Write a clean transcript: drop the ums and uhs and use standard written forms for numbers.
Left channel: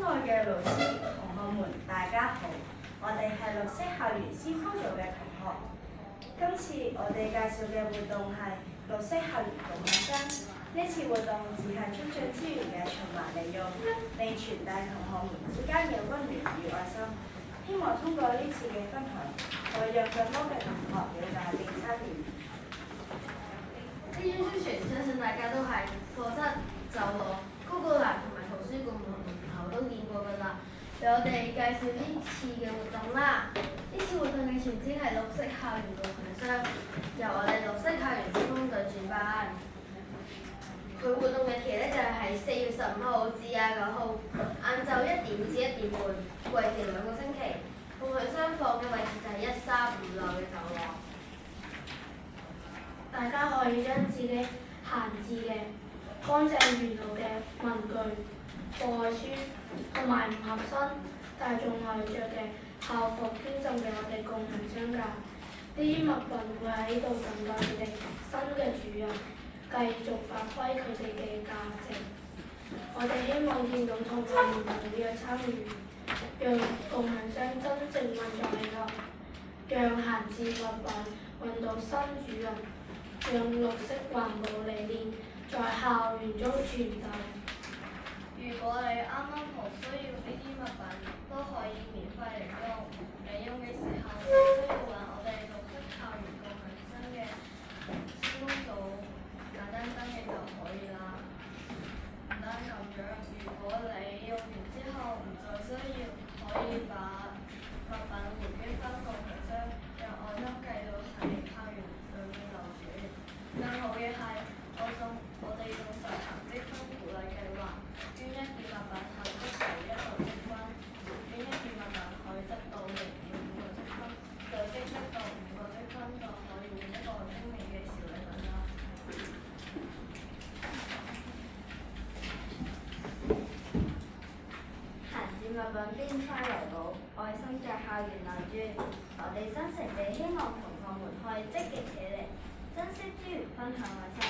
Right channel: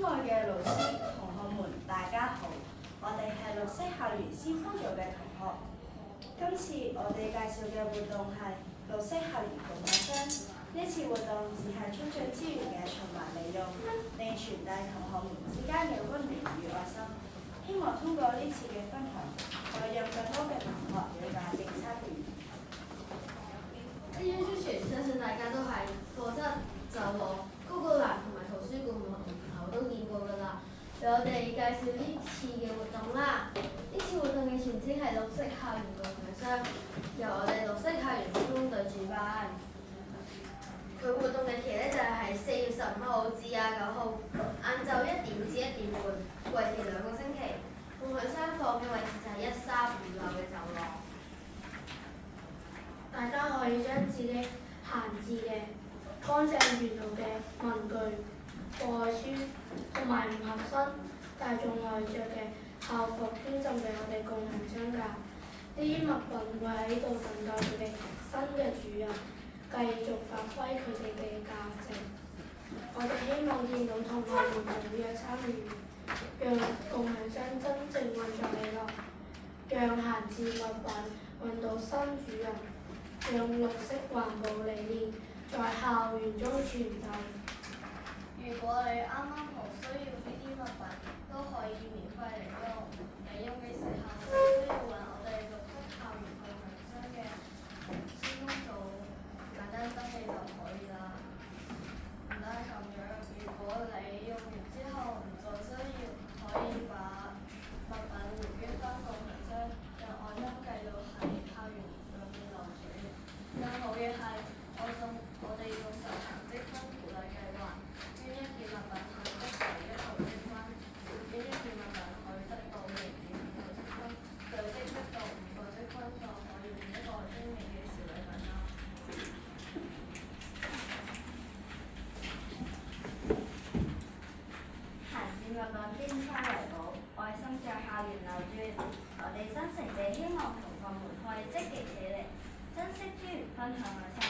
親愛嘅老師、同學們，大家好！我哋係綠色校園先鋒組嘅同學。今次我哋介紹嘅活動係綠色校園共享箱。呢次活動只係促進資源嘅循環利用，並傳遞同學們之間嘅溫暖與愛心。希望通過呢次嘅分享，可以讓更多嘅同學了解並參與。呢張宣傳相信大家都係課室、走廊、公告欄同埋圖書館門口都見過㗎啦。讓我哋介紹呢次嘅活動啦。呢次活動嘅全稱係綠色校園共享箱，由我哋綠色校園先鋒隊主辦。佢活動日期就係4月15號至29號，晏晝1點至1點半，為期2個星期。共享箱放嘅位置就係135樓嘅走廊。大家可以將自己閒置嘅、乾淨完好嘅文具、課外書同埋唔合身但係仲係着嘅校服捐贈俾我哋共享箱㗎。呢啲物品會喺度等待佢哋新嘅主人，繼續發揮佢哋嘅價值。我哋希望見到同學們踴躍參與，讓共享箱真正運作起來，讓閒置物品揾到新主人，讓綠色環保理念在校園中傳遞。如果你啱啱好需要呢啲物品，都可以免費領用。領用嘅時候，只需要揾我哋綠色校園共享箱嘅先鋒組簡單登記就可以啦。唔單咁樣，如果你用完之後唔再需要，可以把物品回捐返共享箱，讓愛心繼續喺校園裏面流轉。更好嘅係，我哋仲實行積分鼓勵計劃，捐一件物品可以得1個積分，捐一件物品可以得到0.5個積分，累積得到5個積分就可以換一個精美嘅小禮品啦。閒置物品天災為寶，愛心在校園流轉。我哋真誠地希望同學們可以積極起嚟，珍惜資源，分享愛心。